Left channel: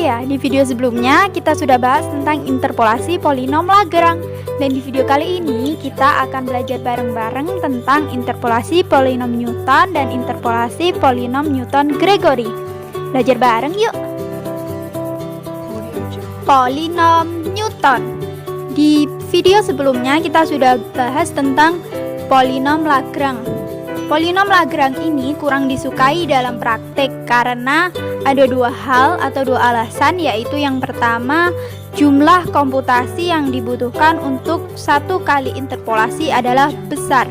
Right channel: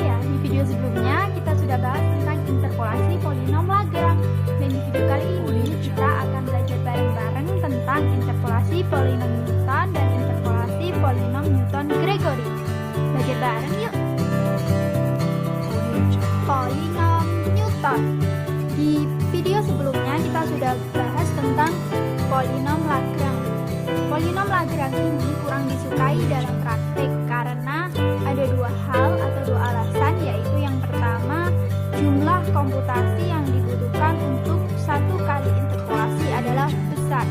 ya, di video sebelumnya kita sudah bahas tentang interpolasi polinom Lagrange. Dan di video kali ini kita akan belajar bareng-bareng tentang interpolasi polinom Newton dan interpolasi polinom Newton-Gregory. Belajar bareng yuk! Polinom Newton. Di video sebelumnya kita sudah bahas tentang polinom Lagrange. Polinom Lagrange ini kurang disukai dalam praktek karena ada dua hal atau dua alasan, yaitu yang pertama, jumlah komputasi yang dibutuhkan untuk satu kali interpolasi adalah besar.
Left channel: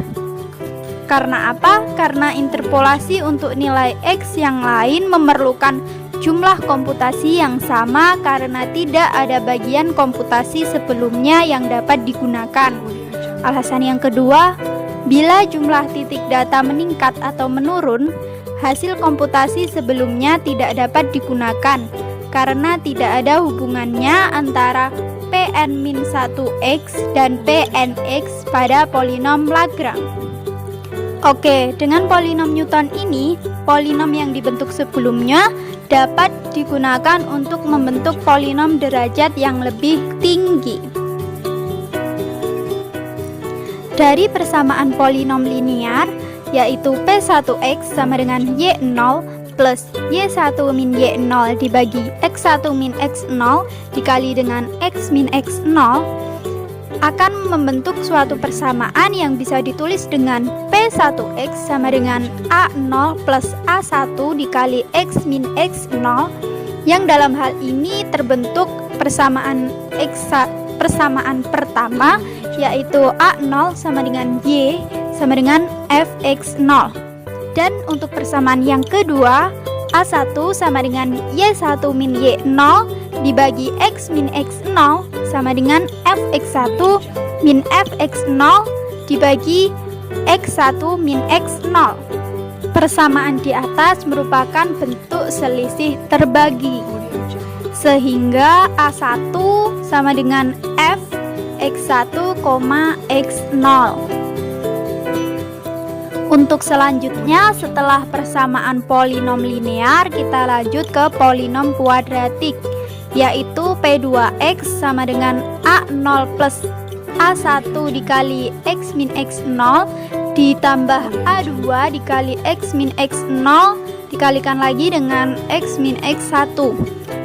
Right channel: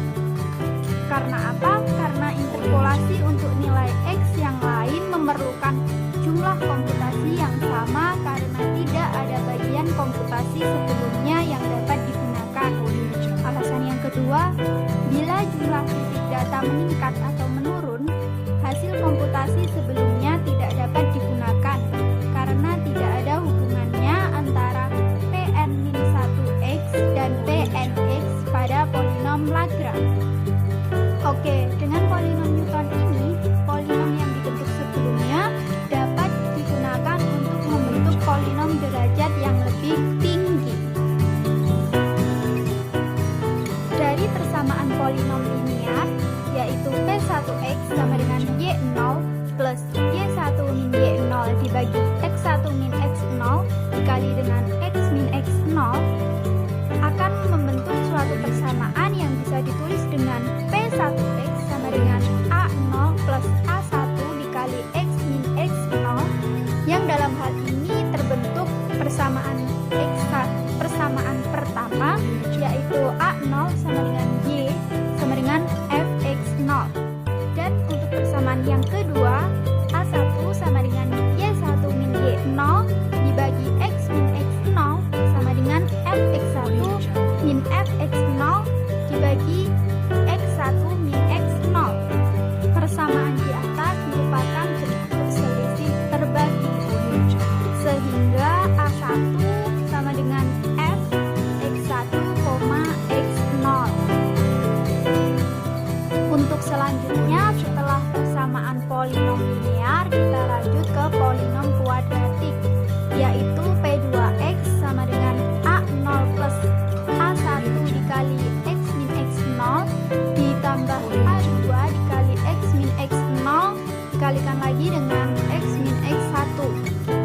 Karena apa? Karena interpolasi untuk nilai X yang lain memerlukan jumlah komputasi yang sama karena tidak ada bagian komputasi sebelumnya yang dapat digunakan. Alasan yang kedua, bila jumlah titik data meningkat atau menurun, hasil komputasi sebelumnya tidak dapat digunakan karena tidak ada hubungannya antara Pn-1x dan Pnx pada polinom Lagrange. Oke, dengan polinom Newton ini, polinom yang dibentuk sebelumnya dapat digunakan untuk membentuk polinom derajat yang lebih tinggi. Dari persamaan polinom linear, yaitu P1x sama dengan Y0 plus Y1 min Y0 dibagi X1 min X0 dikali dengan X min X0, akan membentuk suatu persamaan yang bisa ditulis dengan P1x sama dengan A0 plus A1 dikali X min X0, yang dalam hal ini terbentuk persamaan pertama, yaitu A0 sama dengan Y sama dengan Fx0. Dan untuk persamaan yang kedua, A1 sama dengan Y1 min Y0 dibagi X min X0 sama dengan Fx1 min Fx0 dibagi X1 min X0. Persamaan di atas merupakan bentuk selisih terbagi, sehingga A1 sama dengan F X1, X0. Untuk selanjutnya, setelah persamaan polinom linear, kita lanjut ke polinom kuadratik, yaitu P2x sama dengan A0 plus A1 dikali X min X0 ditambah A2 dikali X min X0 dikalikan lagi dengan X min X1,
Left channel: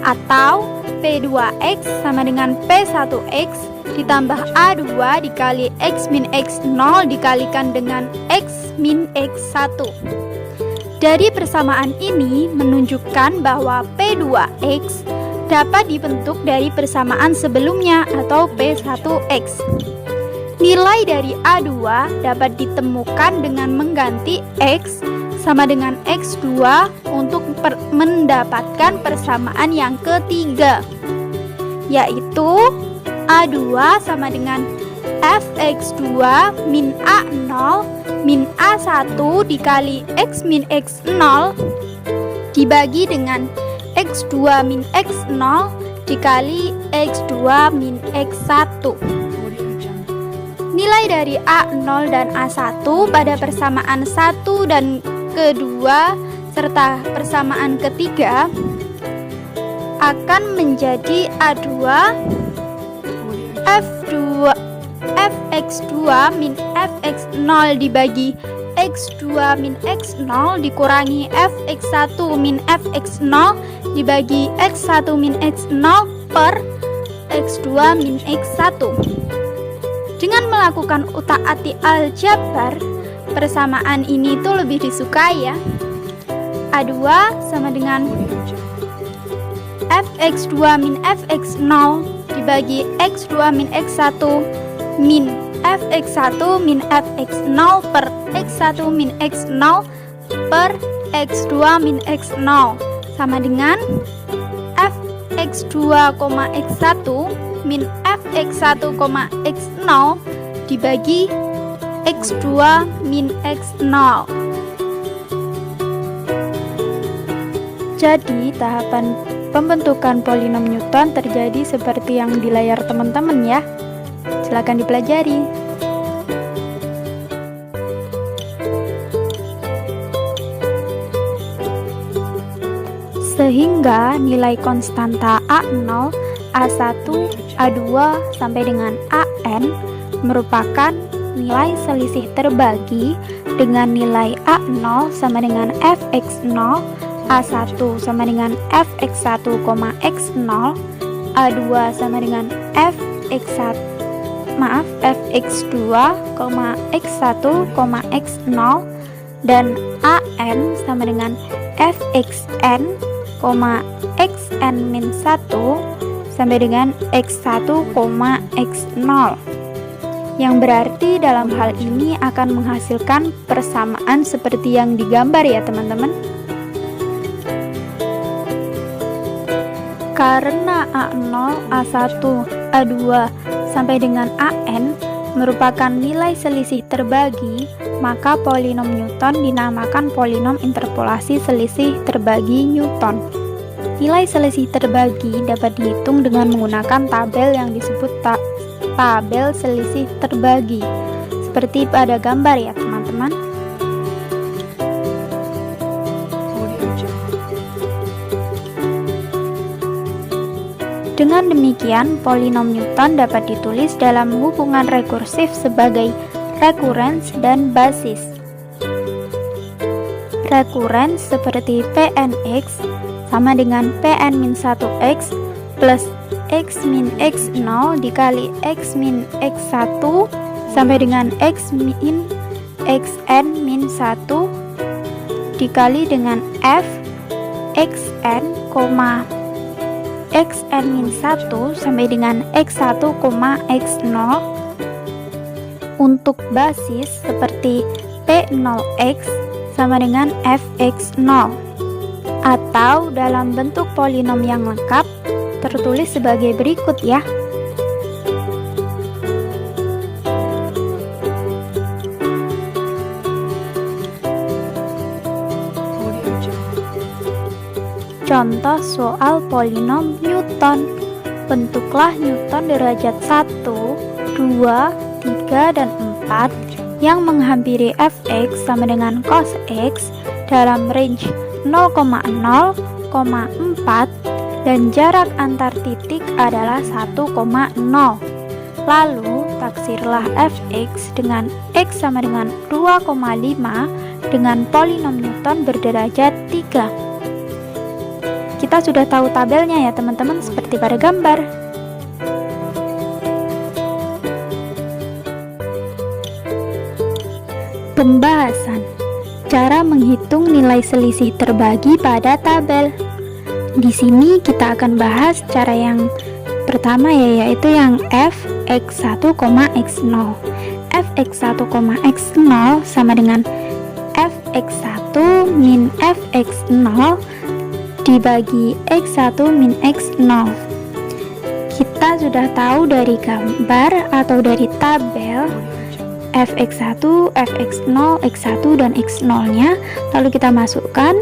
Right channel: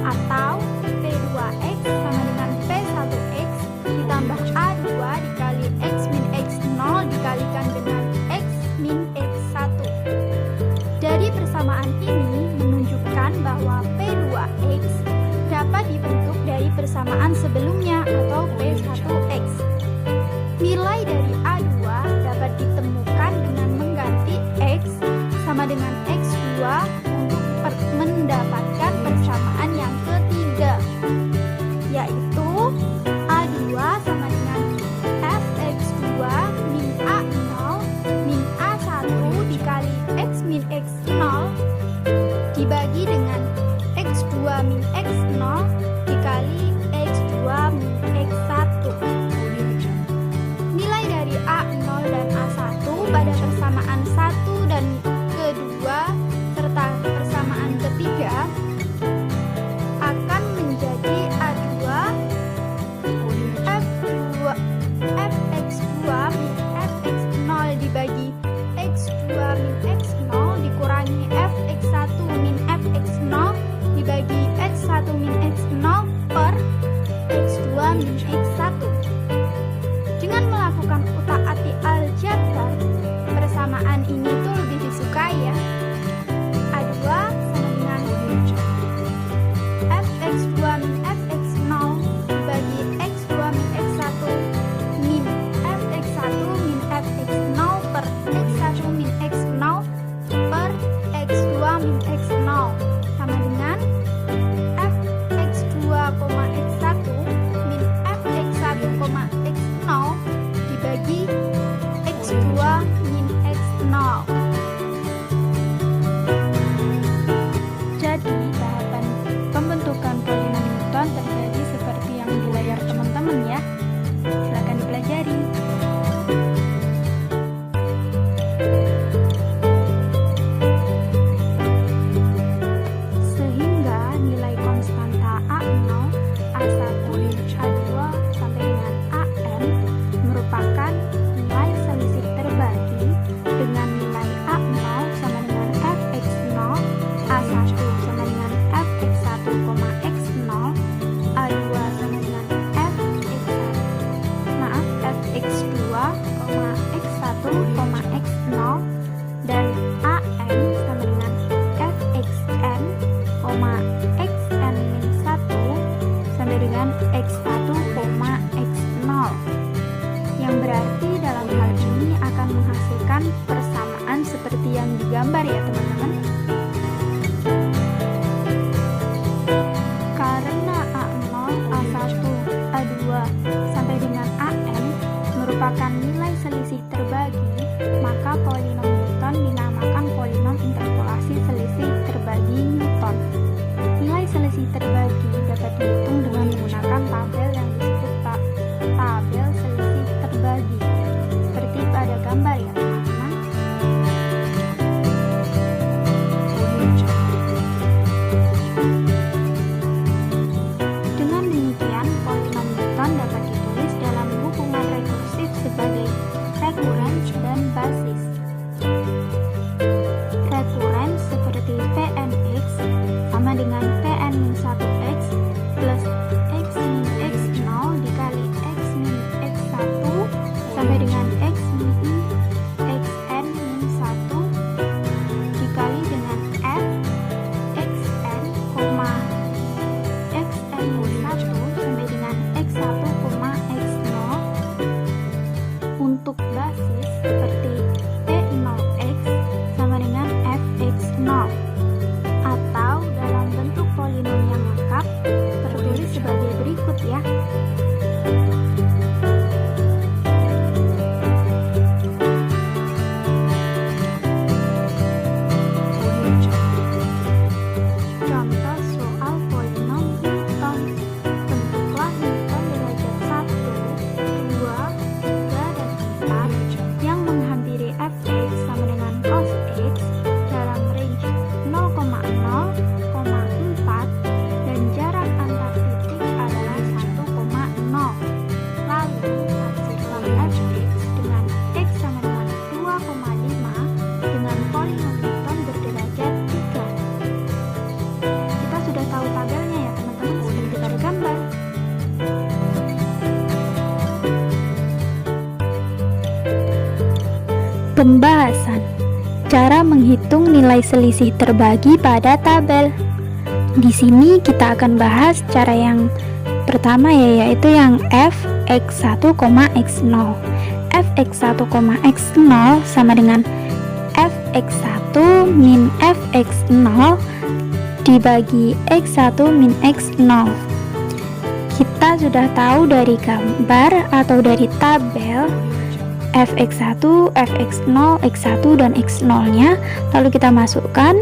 atau P2x sama dengan P1x ditambah A2 dikali X min X0 dikalikan dengan X min X1. Dari persamaan ini menunjukkan bahwa P2x dapat dibentuk dari persamaan sebelumnya atau P1x. Nilai dari A2 dapat ditemukan dengan mengganti X sama dengan X2 untuk mendapatkan persamaan yang ketiga, yaitu A2 sama dengan Fx2 min A0 min A1 dikali X min X0 dibagi dengan X2 min X0 dikali X2 min X1. Nilai dari A0 dan A1 pada persamaan 1 dan kedua serta persamaan ketiga akan menjadi A2 Fx2 min Fx0 dibagi X2 min X0 dikurangi Fx1 min Fx0 dibagi X1 min X0 per X2 min X1. Dengan melakukan utak-atik aljabar, persamaan ini tuh lebih disukai ya. A2 sama dengan Fx2 min Fx0 dibagi X2 min X1 min Fx1 min Fx0 per X1 min X0 per X2 min X0 sama dengan Fx2, X1 min Fx1, X0 dibagi X2 min X0. Jadi tahapan pembentukan polinom Newton terjadi seperti yang di layar teman-teman ya. Silakan dipelajari. Sehingga nilai konstanta A0, A1, A2 sampai dengan AN merupakan nilai selisih terbagi dengan nilai A0 sama dengan Fx0, A1 sama dengan Fx1, x0, A2 sama dengan Fx2, x1, x0, dan AN sama dengan Fxn, xn-1 sampai dengan x1, x0, yang berarti dalam hal ini akan menghasilkan persamaan seperti yang digambar ya teman-teman. Karena A0, A1, A2 sampai dengan AN merupakan nilai selisih terbagi, maka polinom Newton dinamakan polinom interpolasi selisih terbagi Newton. Nilai selisih terbagi dapat dihitung dengan menggunakan tabel yang disebut tabel selisih terbagi, seperti pada gambar ya teman-teman. Dengan demikian, polinom Newton dapat ditulis dalam hubungan rekursif sebagai rekurens dan basis. Rekurens seperti Pnx sama dengan Pn-1x plus x min x0 dikali x min x1 sampai dengan x min xn min 1 dikali dengan f xn, xn-1 sampai dengan x1, x0. Untuk basis seperti P0x sama dengan fx0, atau dalam bentuk polinom yang lengkap tertulis sebagai berikut ya. Contoh soal polinom Newton. Bentuklah Newton derajat 1, 2, 3, dan 4 yang menghampiri fx sama dengan cos x dalam range 0,0, 4 dan jarak antar titik adalah 1,0. Lalu taksirlah fx dengan x sama dengan 2,5 dengan polinom Newton berderajat 3. Kita sudah tahu tabelnya ya teman-teman, seperti pada gambar. Pembahasan cara menghitung nilai selisih terbagi pada tabel. Di sini kita akan bahas cara yang pertama ya, yaitu yang fx1, x0. fx1, x0 sama dengan fx1 min fx0 dibagi x1 min x0. Kita sudah tahu dari gambar atau dari tabel fx1, fx0, x1 dan x0 nya, lalu kita masukkan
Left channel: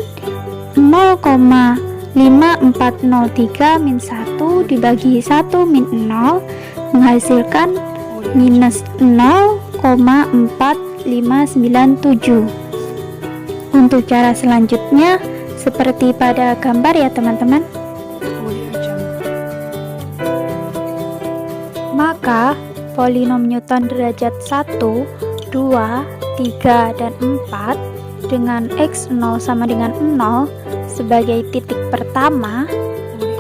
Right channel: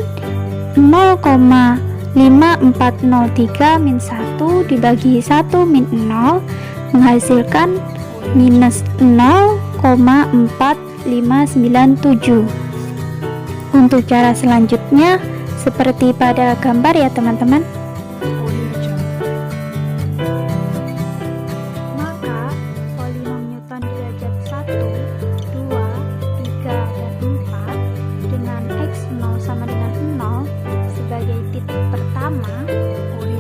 0,5403 min 1 dibagi 1 min 0 menghasilkan minus 0,4597. Untuk cara selanjutnya seperti pada gambar ya teman-teman. Maka polinom Newton derajat 1, 2, 3, dan 4 dengan x0 sama dengan 0 sebagai titik pertama,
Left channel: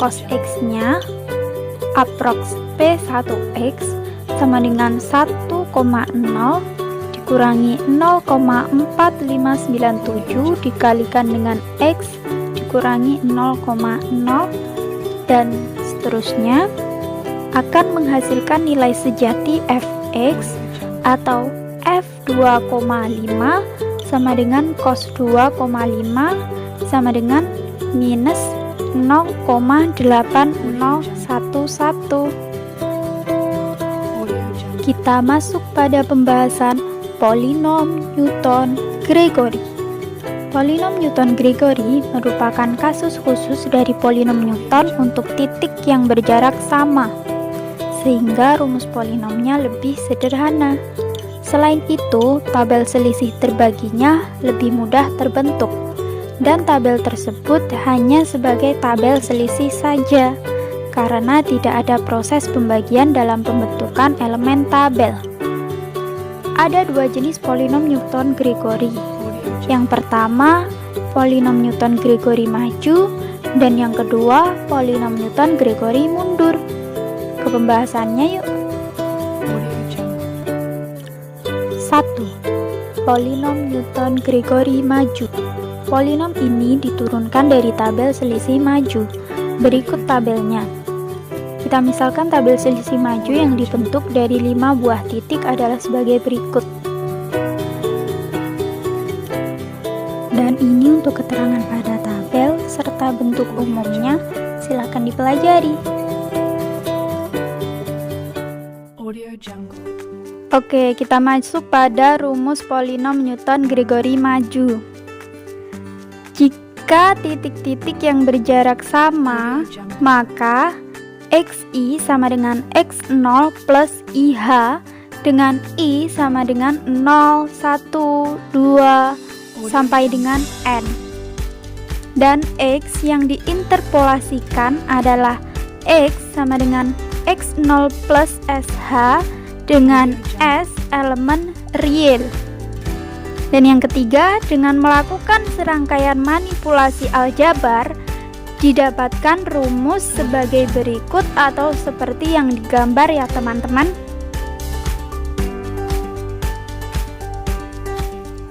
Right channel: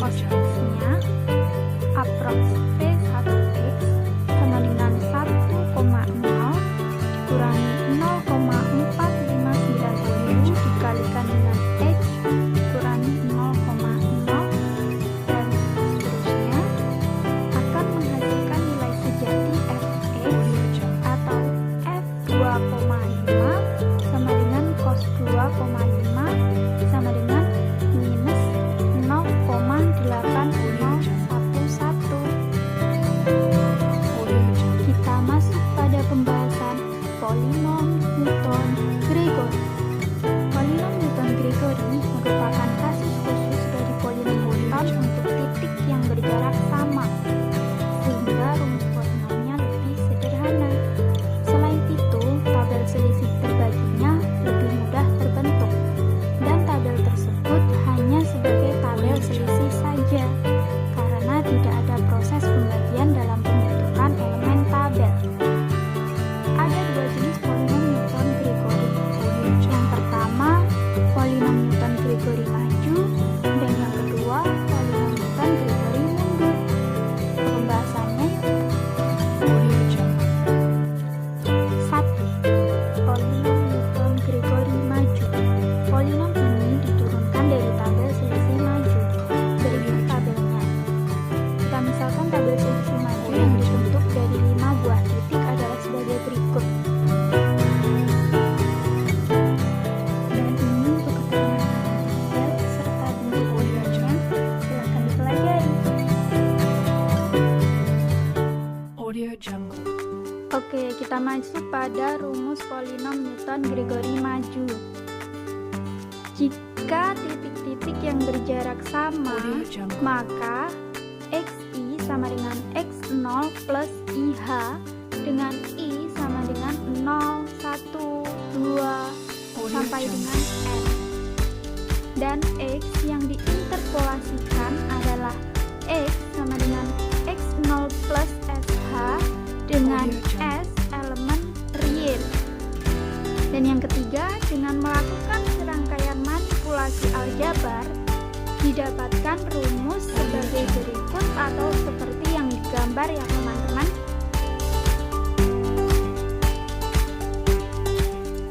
cos x-nya aprox P1x sama dengan 1,0 dikurangi 0,4597 dikalikan dengan x dikurangi 0,0 dan seterusnya akan menghasilkan nilai sejati fx atau f2,5 sama dengan cos 2,5 sama dengan minus 0,8011. Kita masuk pada pembahasan polinom Newton-Gregory. Polinom Newton-Gregory merupakan kasus khusus dari polinom Newton untuk titik yang berjarak sama, sehingga rumus polinomnya lebih sederhana. Selain itu, tabel selisih terbaginya lebih mudah terbentuk. dan tabel tersebut hanya sebagai tabel selisih saja, karena tidak ada proses pembagian dalam pembentukan elemen tabel. Ada dua jenis polinom Newton-Gregory. Yang pertama, polinom Newton-Gregory maju, dan yang kedua, polinom Newton-Gregory mundur. Ke pembahasannya yuk. 1. Polinom Newton-Gregory maju. Polinom ini diturunkan dari tabel selisih maju. Berikut tabelnya. Kita misalkan tabel selisih maju yang dibentuk dari 5 buah titik adalah sebagai berikut. Dan ini untuk keterangan pada tabel serta bentuk umumnya, silakan dipelajari. Oke, kita masuk pada rumus polinom Newton-Gregory maju. Jika titik-titik yang berjarak sama, maka xi sama dengan x0 plus IH dengan I sama dengan 0, 1, 2, sampai dengan N. Dan X yang diinterpolasikan adalah X sama dengan X0 plus SH dengan S elemen real. Dan yang ketiga, dengan melakukan serangkaian manipulasi aljabar, didapatkan rumus sebagai berikut atau seperti yang digambar ya teman-teman.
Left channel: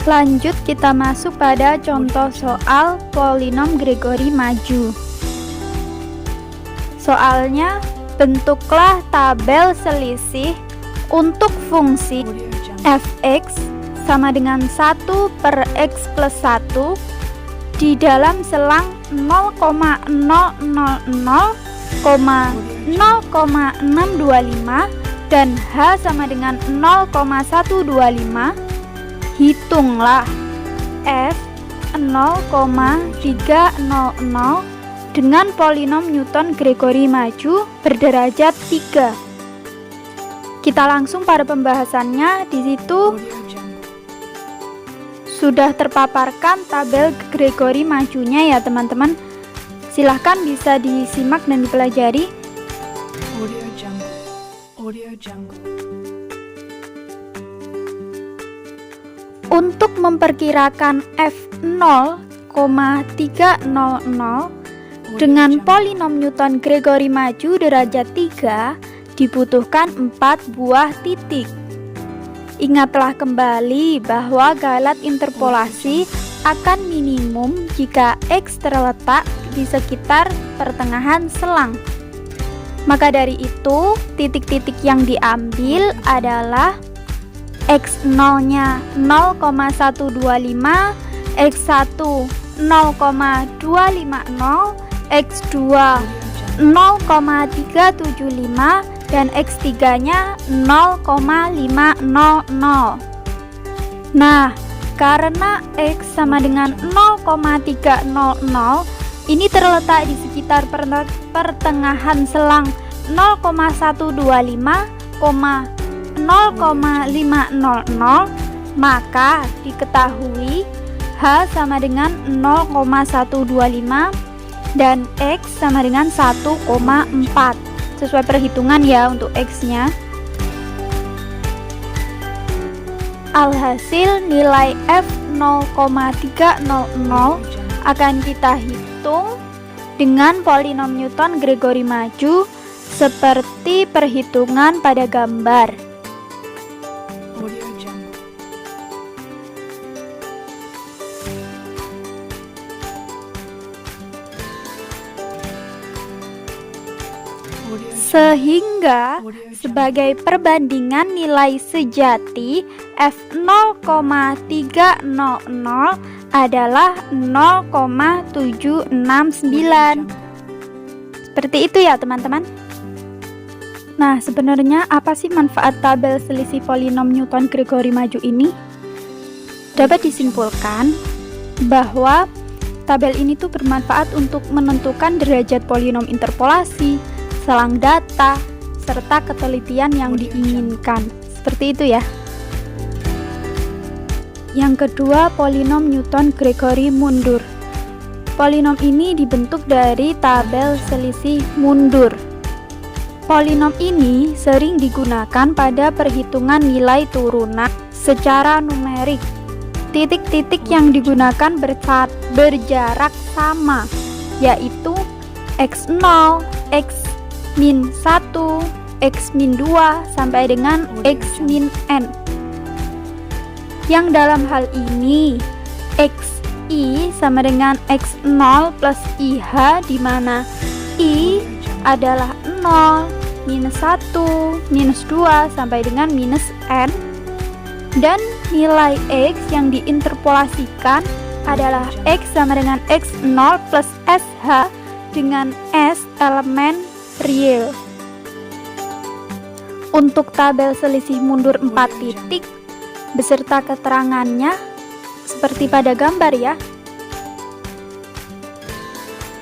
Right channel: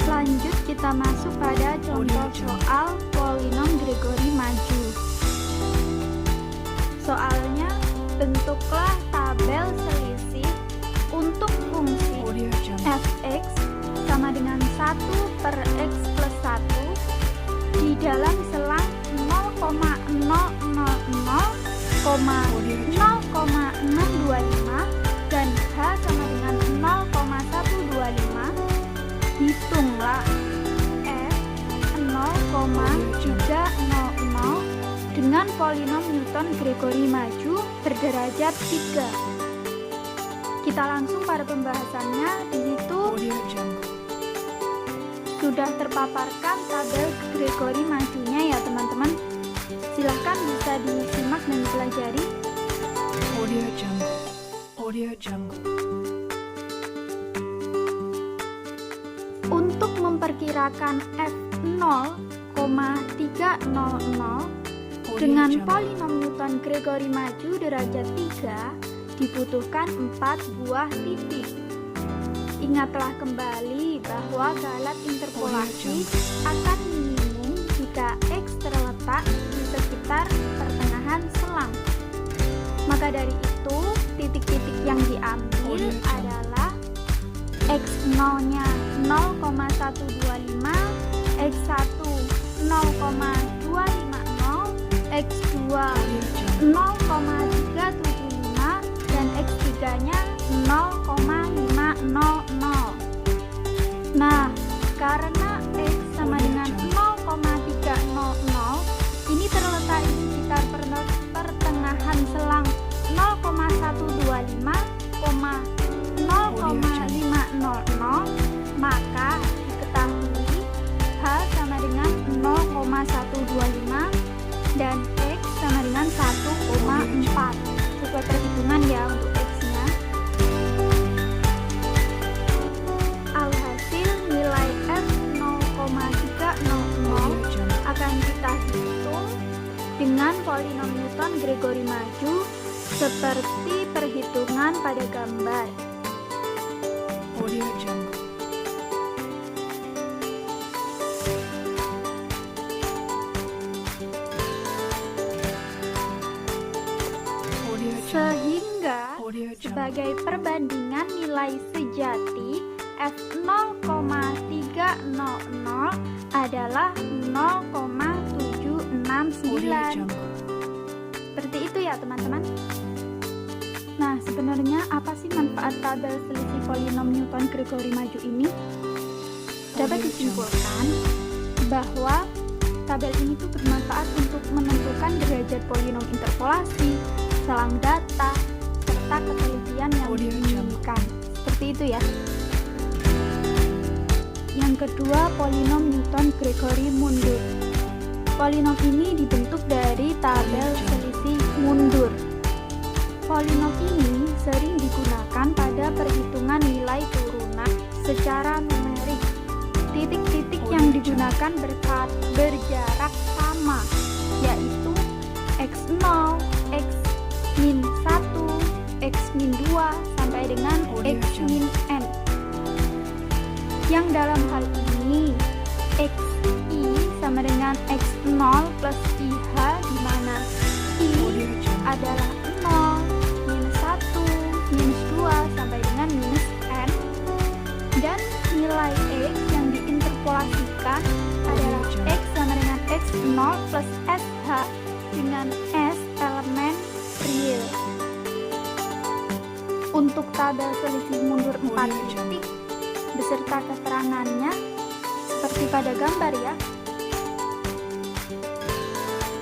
Lanjut kita masuk pada contoh soal polinom Gregory maju. Soalnya, bentuklah tabel selisih untuk fungsi fx sama dengan 1 per x plus 1 di dalam selang 0,000,0,625 dan h sama dengan 0,125. Hitunglah f 0,300 dengan polinom Newton-Gregory maju berderajat 3. Kita langsung pada pembahasannya. Di situ sudah terpaparkan tabel Gregory majunya ya teman-teman. Silahkan bisa disimak dan dipelajari. Untuk memperkirakan f0,300 dengan polinom Newton-Gregory maju derajat 3, dibutuhkan 4 buah titik. Ingatlah kembali bahwa galat interpolasi akan minimum jika X terletak di sekitar pertengahan selang. Maka dari itu, titik-titik yang diambil adalah X0-nya 0,125, X1 0,250, X2 0,375, dan X3-nya 0,500. Nah, karena X sama dengan 0,300, ini terletak di sekitar pertengahan selang 0,125, 0,500, maka diketahui H sama dengan 0,125 dan X sama dengan 1,4. Sesuai perhitungan ya untuk X-nya. Alhasil nilai F 0,300 akan kita hitung dengan polinom Newton-Gregory maju seperti perhitungan pada gambar. Sehingga sebagai perbandingan nilai sejati F 0,300 adalah 0,769. Seperti itu ya teman-teman. Nah, sebenarnya apa sih manfaat tabel selisih polinom Newton-Gregory maju ini? Dapat disimpulkan bahwa tabel ini tuh bermanfaat untuk menentukan derajat polinom interpolasi, selang data, serta ketelitian yang diinginkan. Seperti itu ya. Yang kedua, polinom Newton-Gregory mundur. Polinom ini dibentuk dari tabel selisih mundur. Polinom ini sering digunakan pada perhitungan nilai turunan secara numerik. Titik-titik yang digunakan berjarak sama, yaitu x0, x-1, x-2 sampai dengan x-n. Yang dalam hal ini xi sama dengan x0 plus IH, di mana I adalah 0, minus 1, minus 2 sampai dengan minus n, dan nilai x yang diinterpolasikan adalah x sama dengan x0 plus sh dengan s elemen real. Untuk tabel selisih mundur 4 titik beserta keterangannya seperti pada gambar ya.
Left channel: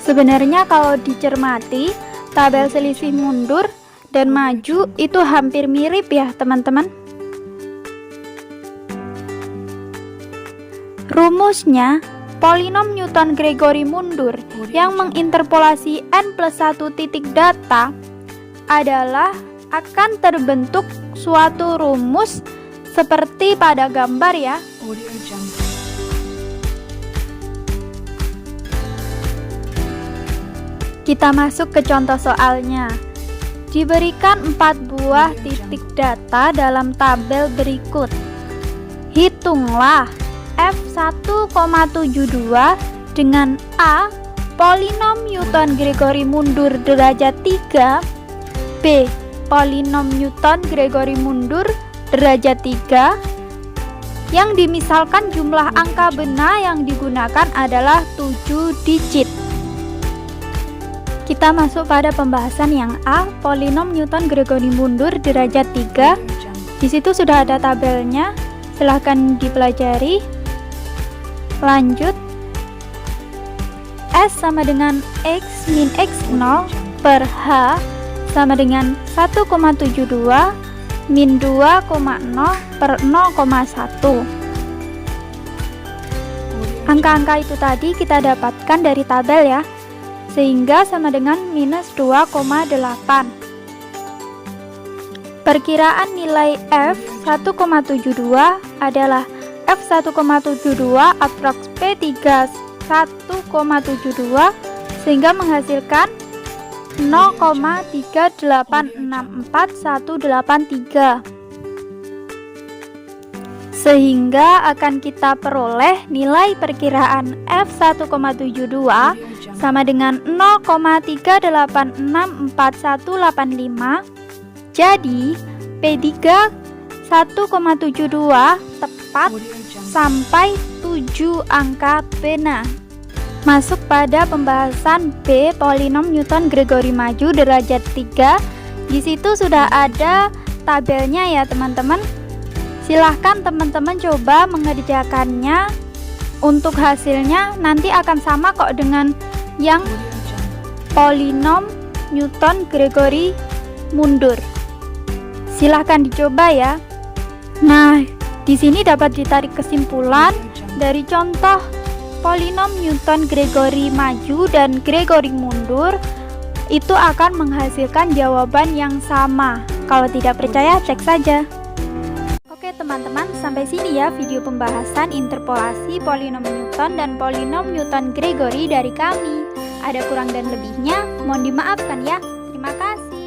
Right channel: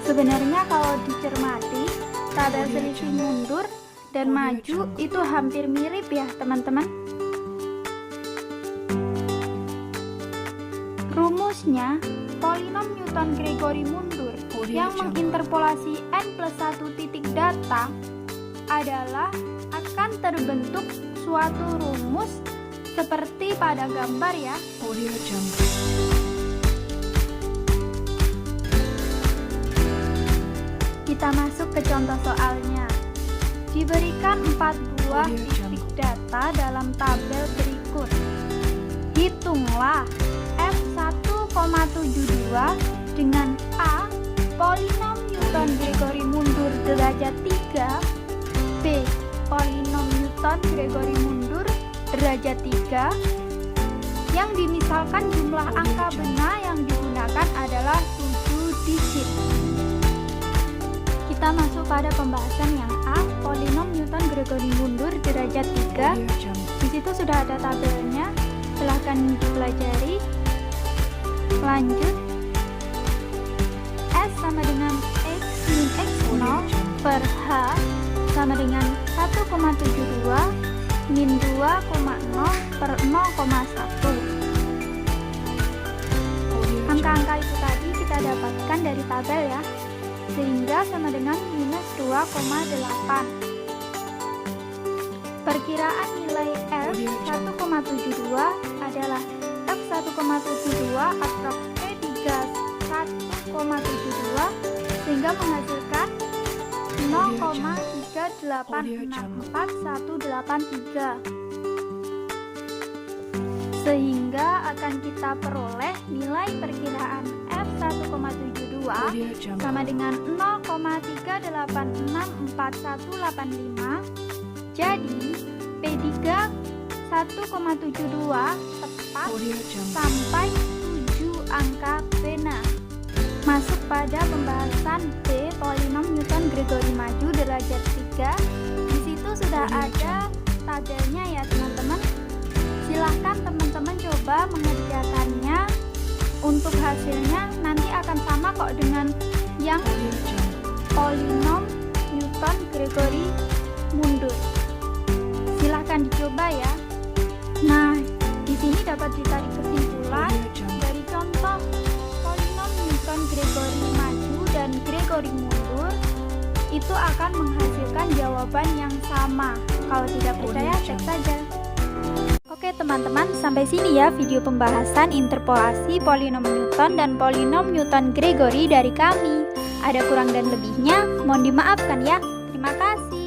Sebenarnya kalau dicermati, tabel selisih mundur dan maju itu hampir mirip ya teman-teman. Rumusnya, polinom Newton-Gregory mundur yang menginterpolasi n plus 1 titik data adalah akan terbentuk suatu rumus seperti pada gambar ya. Kita masuk ke contoh soalnya. Diberikan 4 buah titik data dalam tabel berikut. Hitunglah F1,72 dengan A, polinom Newton-Gregory mundur derajat 3, B, polinom Newton-Gregory mundur derajat 3, yang dimisalkan jumlah angka benar yang digunakan adalah 7 digit. Kita masuk pada pembahasan yang A, polinom Newton-Gregory mundur derajat 3. Di situ sudah ada tabelnya, silahkan dipelajari. Lanjut, S sama dengan X min X0 per H sama dengan 1,72 min 2,0 per 0,1. Angka-angka itu tadi kita dapatkan dari tabel ya, sehingga sama dengan minus 2,8. Perkiraan nilai F1,72 adalah F1,72 aprox P3 1,72 sehingga menghasilkan 0,3864183, sehingga akan kita peroleh nilai perkiraan F1,72 sama dengan 0,3864185. Jadi P3 1,72 tepat sampai 7 angka benar. Masuk pada pembahasan B, polinom Newton-Gregory maju derajat 3. Di situ sudah ada tabelnya ya teman-teman. Silahkan teman-teman coba mengerjakannya. Untuk hasilnya nanti akan sama kok dengan yang polinom Newton-Gregory mundur. Silahkan dicoba ya. Nah, di sini dapat ditarik kesimpulan dari contoh polinom Newton-Gregory maju dan Gregory mundur itu akan menghasilkan jawaban yang sama. Kalau tidak percaya, cek saja. Oke teman-teman, sampai sini ya video pembahasan interpolasi polinom Newton dan polinom Newton-Gregory dari kami. Ada kurang dan lebihnya, mohon dimaafkan ya. Terima kasih.